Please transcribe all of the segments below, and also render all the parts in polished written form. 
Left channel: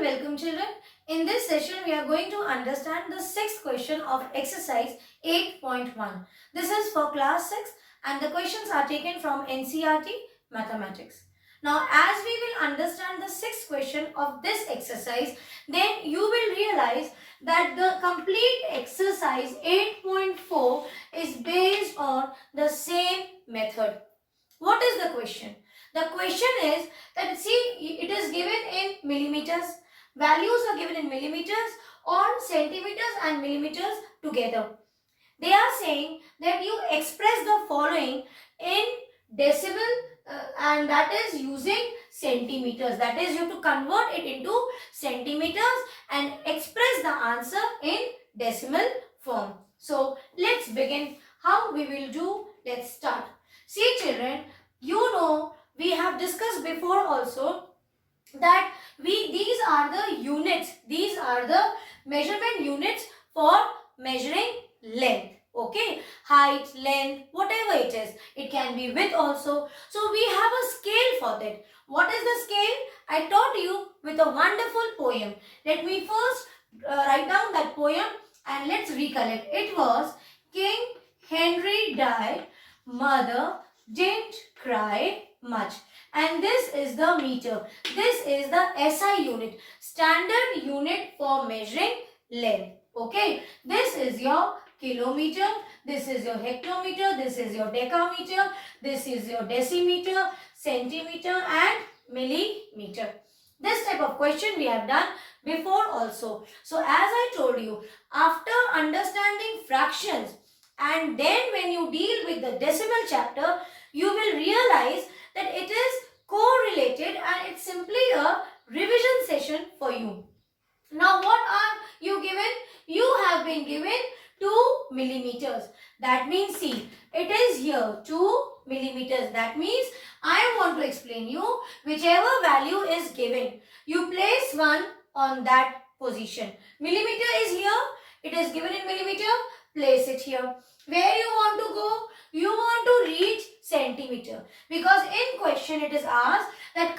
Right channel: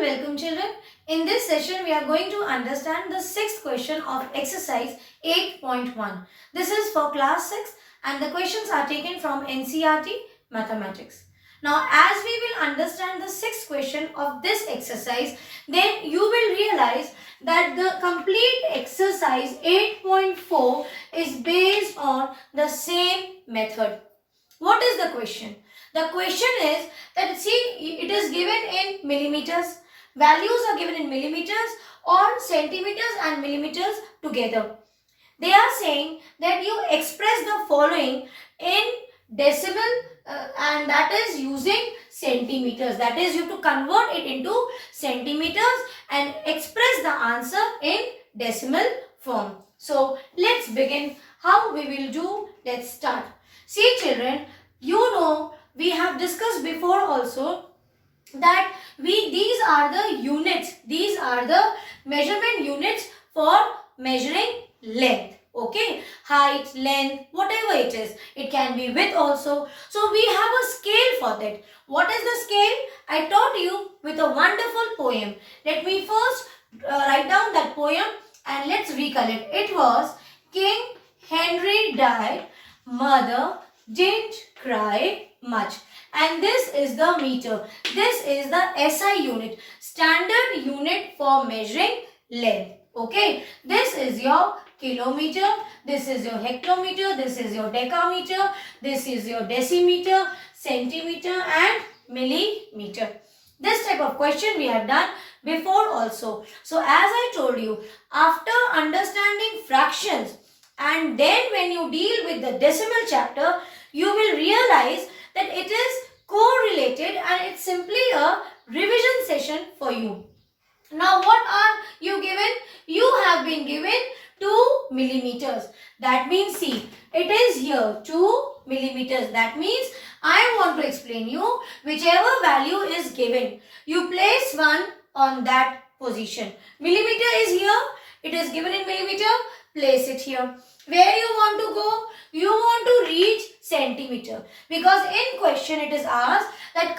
welcome children. In this session we are going to understand the sixth question of exercise 8.1. This is for class 6 and the questions are taken from NCERT Mathematics. Now as we will understand the sixth question of this exercise, then you will realize that the complete exercise 8.4 is based on the same method. What is the question? The question is that see, it is given in millimeters. Values are given in millimeters or centimeters and millimeters together. They are saying that you express the following in decimal and that is using centimeters. That is, you have to convert it into centimeters and express the answer in decimal form. So let's begin. How we will do? Let's start. See children, you know we have discussed before also that these are the units. These are the measurement units for measuring length. Okay, height, length, whatever it is. It can be width also. So we have a scale for that. What is the scale? I taught you with a wonderful poem. Let me first write down that poem and let's recollect. It was King Henry died, mother didn't cry much. And this is the meter. This is the SI unit, standard unit for measuring length. Okay, this is your kilometer, this is your hectometer, this is your decameter, this is your decimeter, centimeter and millimeter. This type of question we have done before also. So as I told you, after understanding fractions and then when you deal with the decimal chapter, you will realize that it is correlated and it's simply a revision session for you. Now what are you given? You have been given 2 millimeters. That means see, it is here 2 millimeters. That means I want to explain you whichever value is given. You place one on that position. Millimeter is here. It is given in millimeter. Place it here. Where you want to go? You want to reach centimeter. Because in question it is asked that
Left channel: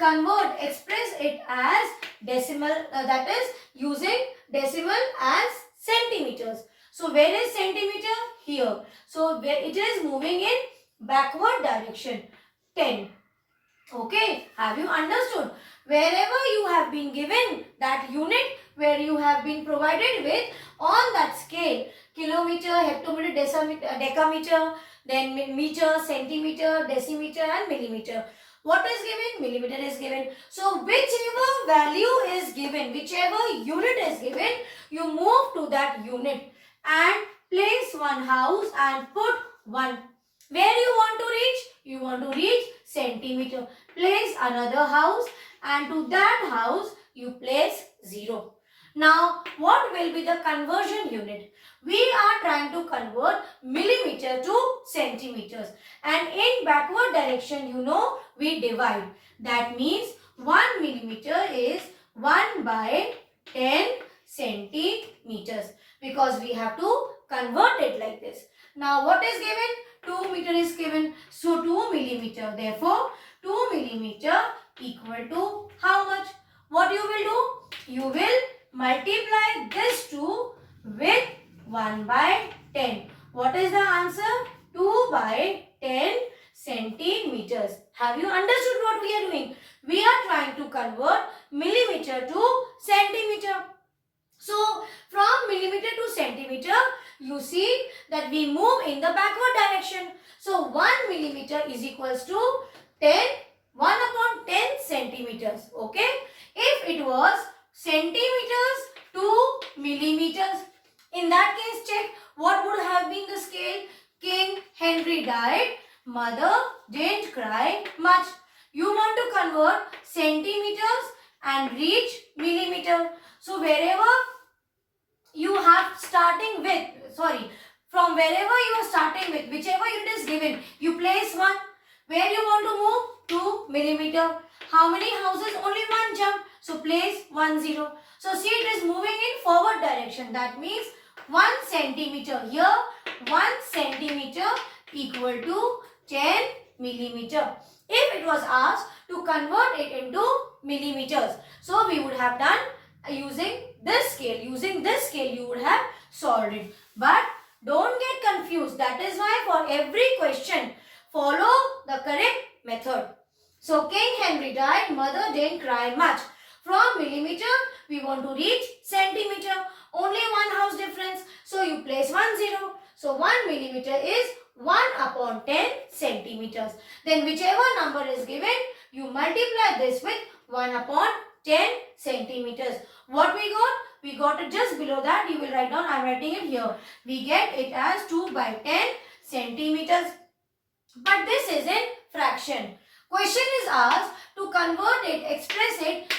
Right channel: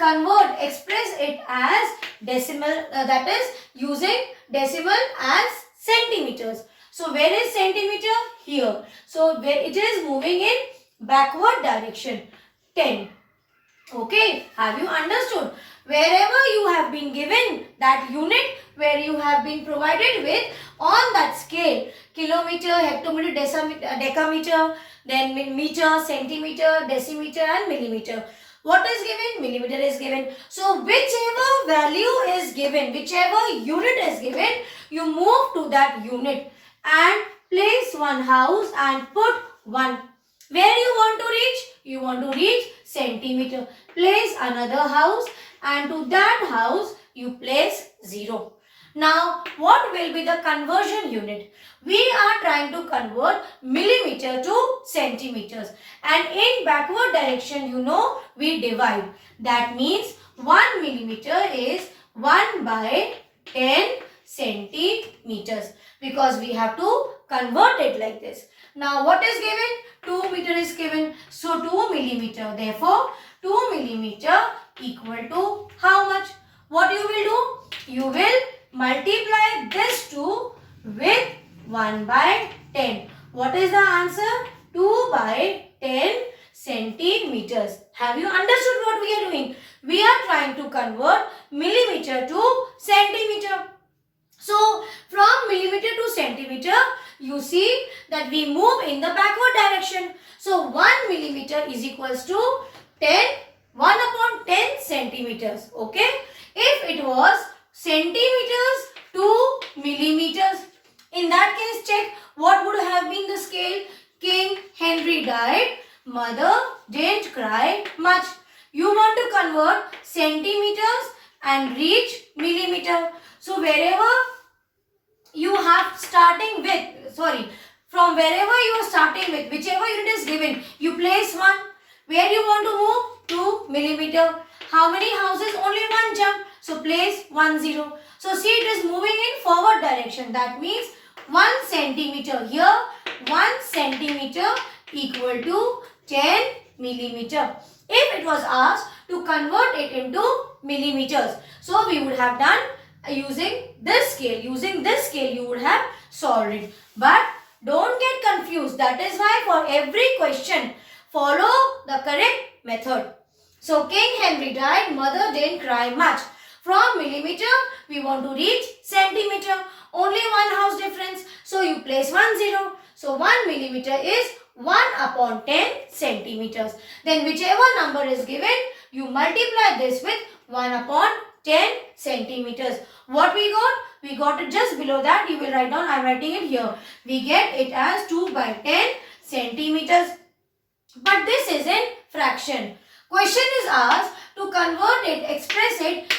express it as decimal, that is using decimal as centimeters. So where is centimeter? Here. So where it is moving in backward direction. 10. Okay. Have you understood? Wherever you have been given that unit, where you have been provided with on that scale, kilometer, hectometer, decameter, then meter, centimeter, decimeter and millimeter. What is given? Millimeter is given. So whichever value is given, whichever unit is given, you move to that unit and place one house and put 1. Where you want to reach? You want to reach centimeter. Place another house and to that house you place 0. Now what will be the conversion unit? We are trying to convert millimeter to centimeters and in backward direction you know we divide. That means 1 millimeter is 1 by 10 centimeters because we have to convert it like this. Now what is given? 2 meter is given. So 2 millimeter. Therefore 2 millimeter equal to how much? What you will do? You will multiply this 2 with 1 by 10. What is the answer? 2 by 10 centimeters. Have you understood what we are doing? We are trying to convert millimeter to centimeter. So from millimeter to centimeter, you see that we move in the backward direction. So 1 millimeter is equals to 1 upon 10 centimeters. Okay. If it was centimeters to millimeters, in that case check what would have been the scale. King Henry died, mother didn't cry much. You want to convert centimeters and reach millimeter. So wherever you have starting with, from wherever you are starting with, whichever unit is given, you place 1. Where you want to move? 2 millimeter. How many houses? Only 1 jump. So place 1 0. So see, it is moving in forward direction. That means 1 centimeter. Here 1 centimeter equal to 10 millimeter. If it was asked to convert it into millimeters, so we would have done using this scale you would have solved it. But don't get confused. That is why for every question, follow the correct method. So King Henry died, mother didn't cry much. From millimeter, we want to reach centimeter. Only one house difference. So you place 1 0. So 1 millimeter is 1 upon 10 centimeters. Then whichever number is given, you multiply this with 1 upon 10 centimeters. What we got? We got it just below that. You will write down. I am writing it here. We get it as 2 by 10 centimeters. But this is in fraction. Question is asked to convert it, express it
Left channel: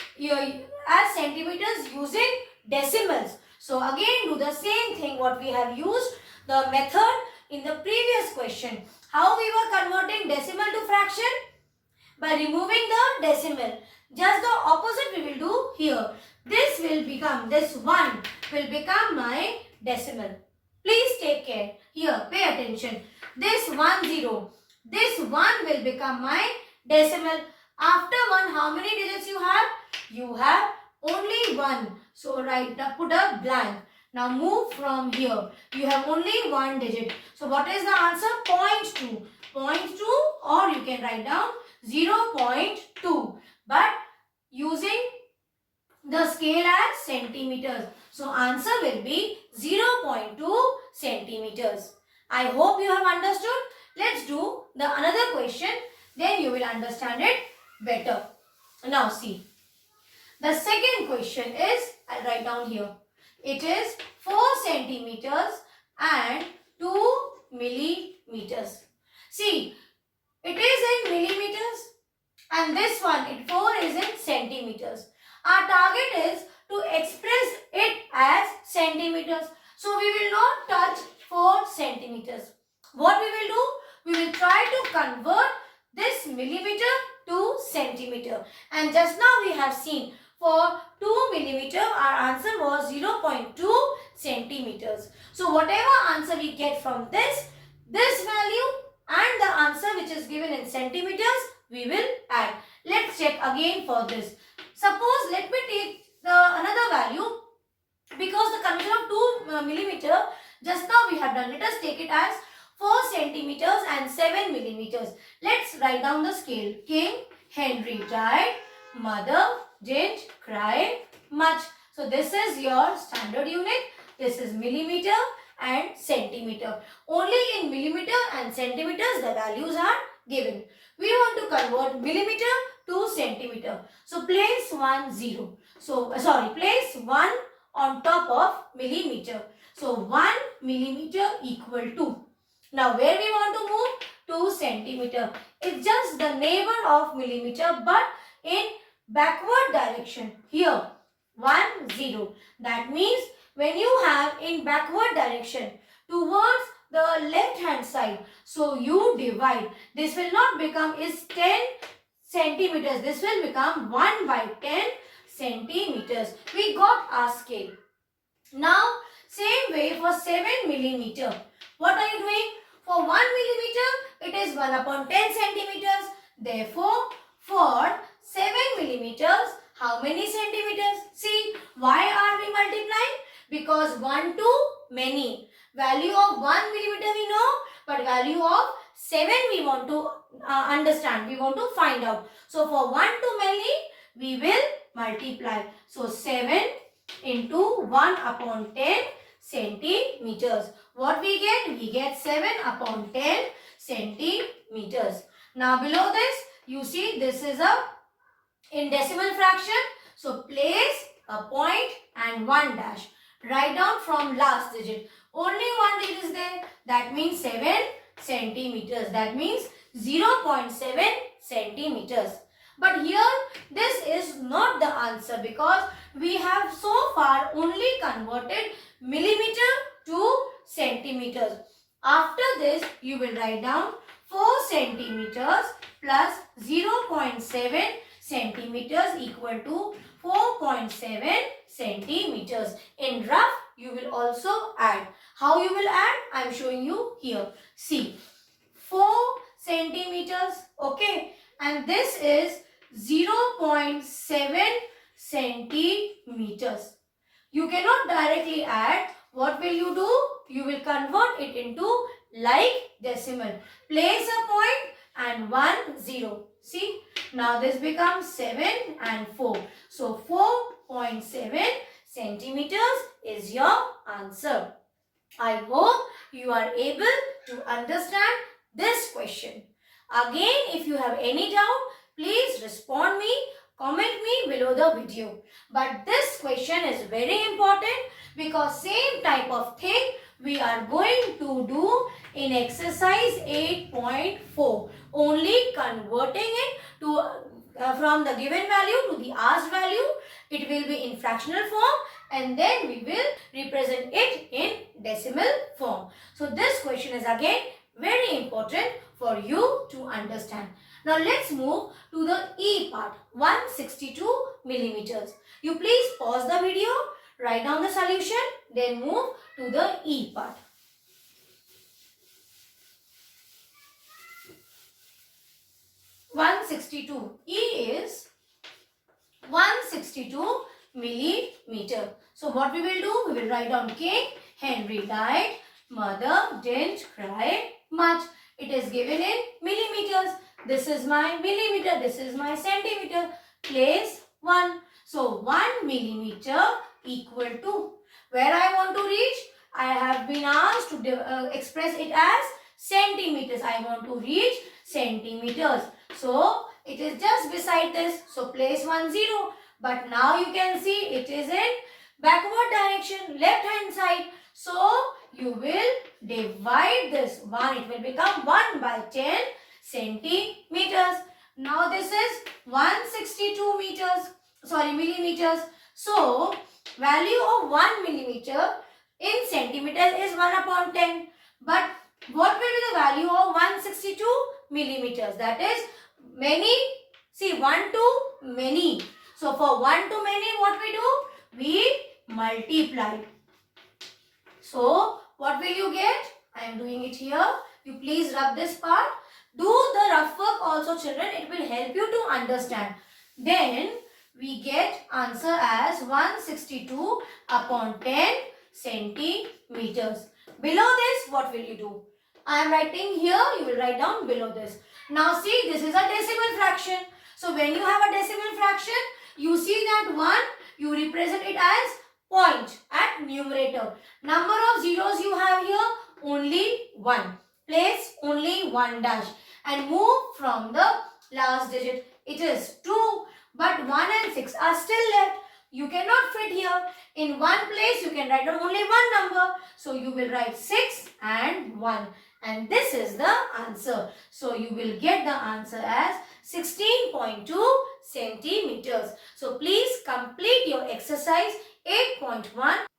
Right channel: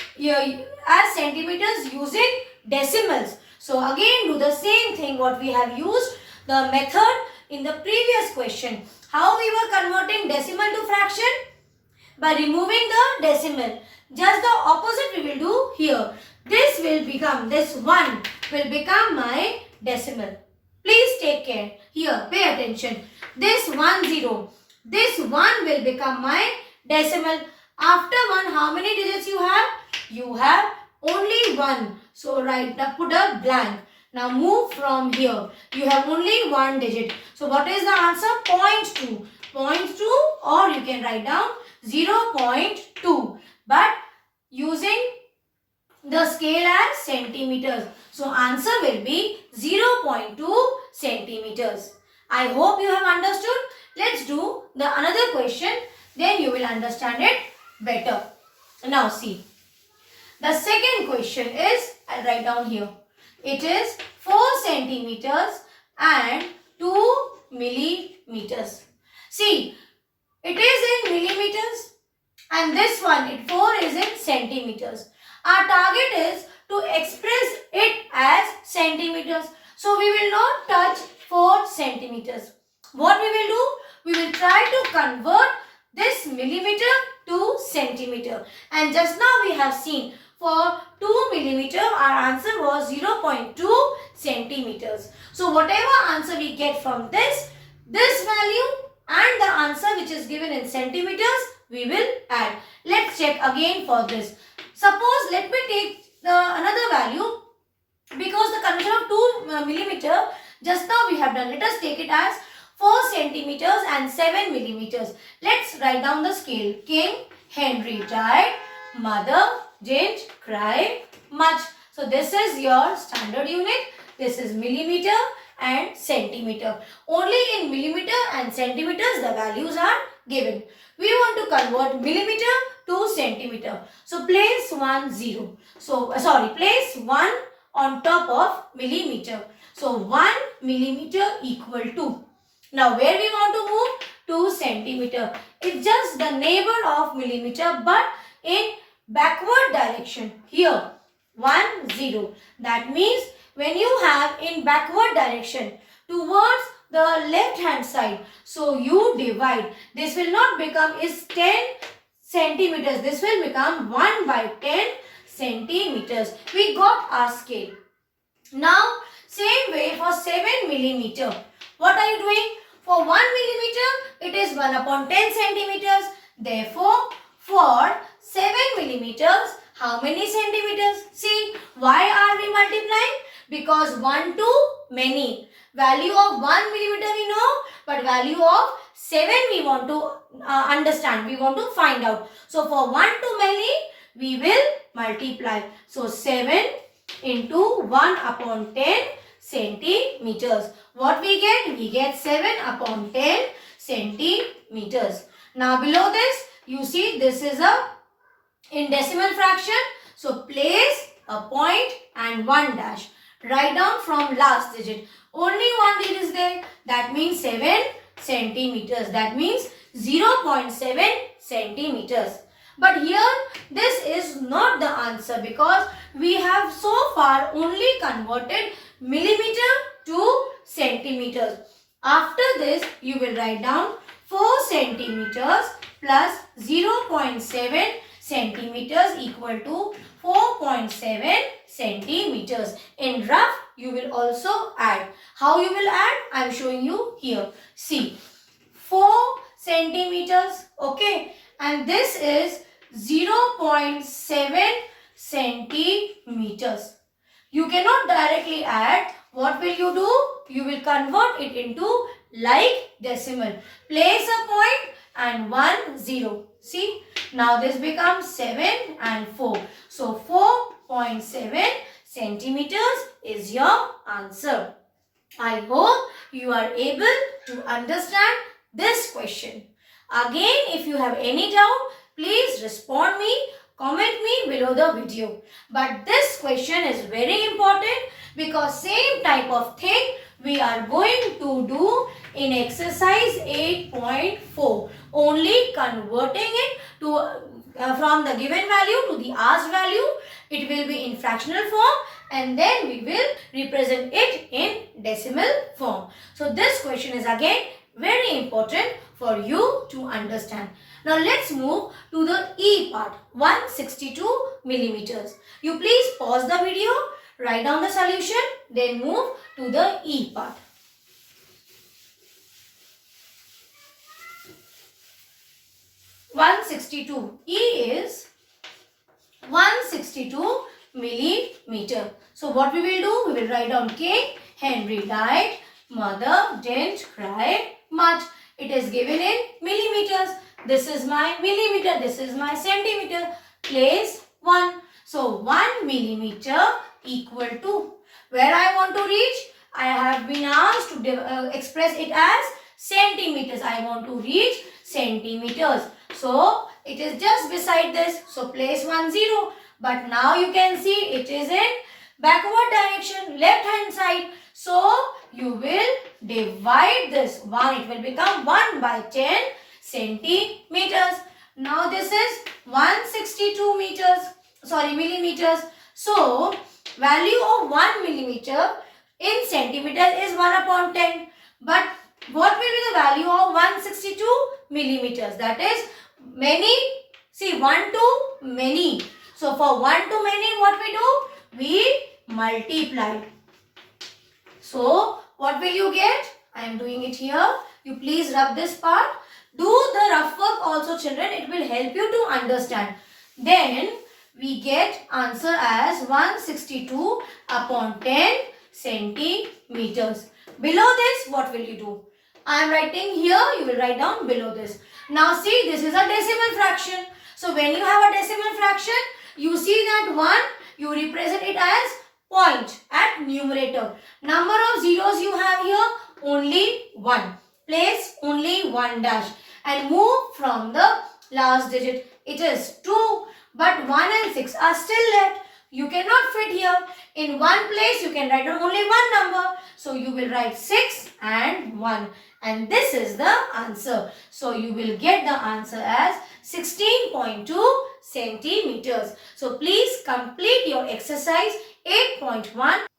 as centimeters using decimals. So again do the same thing what we have used the method in the previous question. How we were converting decimal to fraction? By removing the decimal. Just the opposite we will do here. This 1 will become my decimal. Please take care. Here, pay attention. This 1 0. This 1 will become my decimal. After 1, how many digits you have? You have only 1. So, put a blank. Now, move from here. You have only 1 digit. So, what is the answer? 0.2. 0.2 or you can write down 0.2. But using the scale as centimeters. So, answer will be 0.2 centimeters. I hope you have understood. Let's do the another question. Then you will understand it better. Now see. The second question is, I'll write down here. It is 4 centimeters and 2 millimeters. See, it is in millimeters and this one, 4 is in centimeters. Our target is to express it as centimeters. So, we will not touch 4 centimeters. What we will do? We will try to convert this millimeter to centimeter. And just now we have seen for 2 millimeter, our answer was 0.2 centimeters. So, whatever answer we get from this value and the answer which is given in centimeters, we will add. Let's check again for this. Suppose, let me take another value because the conversion of 2 millimeter, just now we have done. Let us take it as 4 centimeters and 7 millimeters. Let's write down the scale. King Henry died, mother didn't cry much. So, this is your standard unit. This is millimeter and centimeter. Only in millimeter and centimeters the values are given. We want to convert millimeter to centimeter. So, place 1 0. So, place 1 on top of millimeter. So, 1 millimeter equal to. Now, where we want to move? To centimeter. It's just the neighbor of millimeter but in backward direction. Here, 1 0. That means when you have in backward direction towards the left hand side, so you divide. This will not become is 10 centimeters. This will become 1 by 10 centimeters. We got our scale. Now, same way for 7 millimeter. What are you doing? For 1 millimeter, it is 1 upon 10 centimeters. Therefore, for 7 millimeters, how many centimeters? See, why are we multiplying? Because 1 to many. Value of 1 millimeter we know, but value of 7 we want to understand. We want to find out. So, for 1 to many, we will multiply. So, 7 into 1 upon 10 centimeters. What we get? We get 7 upon 10 centimeters. Now, below this, you see this is in decimal fraction. So, place a point and 1 dash. Write down from last digit. Only 1 digit is there. That means 7 centimeters. That means 0.7 centimeters. But here, this is not the answer because we have so far only converted millimeter to centimeters. After this, you will write down 4 centimeters plus 0.7 centimeters equal to 4.7 centimeters. In rough, you will also add. How you will add? I am showing you here. See, 4 centimeters, okay, and this is 0.7 centimeters. You cannot directly add. What will you do? You will convert it into like decimal. Place a point and 1 0. See, now this becomes 7 and 4. So 4.7 centimeters is your answer. I hope you are able to understand this question. Again, if you have any doubt, please respond me, comment me below the video. But this question is very important because same type of thing we are going to do in exercise 8.4. Only converting it to from the given value to the asked value. It will be in fractional form and then we will represent it in decimal form. So this question is again very important for you to understand. Now let's move to the E part, 162 millimeters. You please pause the video, write down the solution, then move to the E part. E is 162 millimeter. So what we will do? We will write down King Henry died, mother didn't cry much. It is given in millimeters. This is my millimeter, this is my centimeter. Place 1. So 1 millimeter equal to, where I want to reach? I have been asked to express it as centimeters. I want to reach centimeters. So it is just beside this. So place 1 0. But now you can see it is in backward direction, left hand side. So you will divide this 1. It will become 1 by 10 centimeters. Now this is 162 millimeters. So value of 1 millimeter in centimeters is 1 upon 10. But what will be the value of 162 millimeters? That is many. See, 1 to many. So for 1 to many, what we do? We multiply. So what will you get? I am doing it here. You please rub this part. Do the rough work also, children. It will help you to understand. Then we get answer as 162 upon 10 centimeters. Below this, what will you do? I am writing here. You will write down below this. Now see, this is a decimal fraction. So when you have a decimal fraction, you see that 1, you represent it as point at numerator. Number of zeros you have here, only 1. Place only 1 dash and move from the last digit. It is 2, but 1 and 6 are still left. You cannot fit here. In one place, you can write down only one number. So you will write 6 and 1. And this is the answer. So you will get the answer as 16.2 centimeters. So please complete your exercise 8.1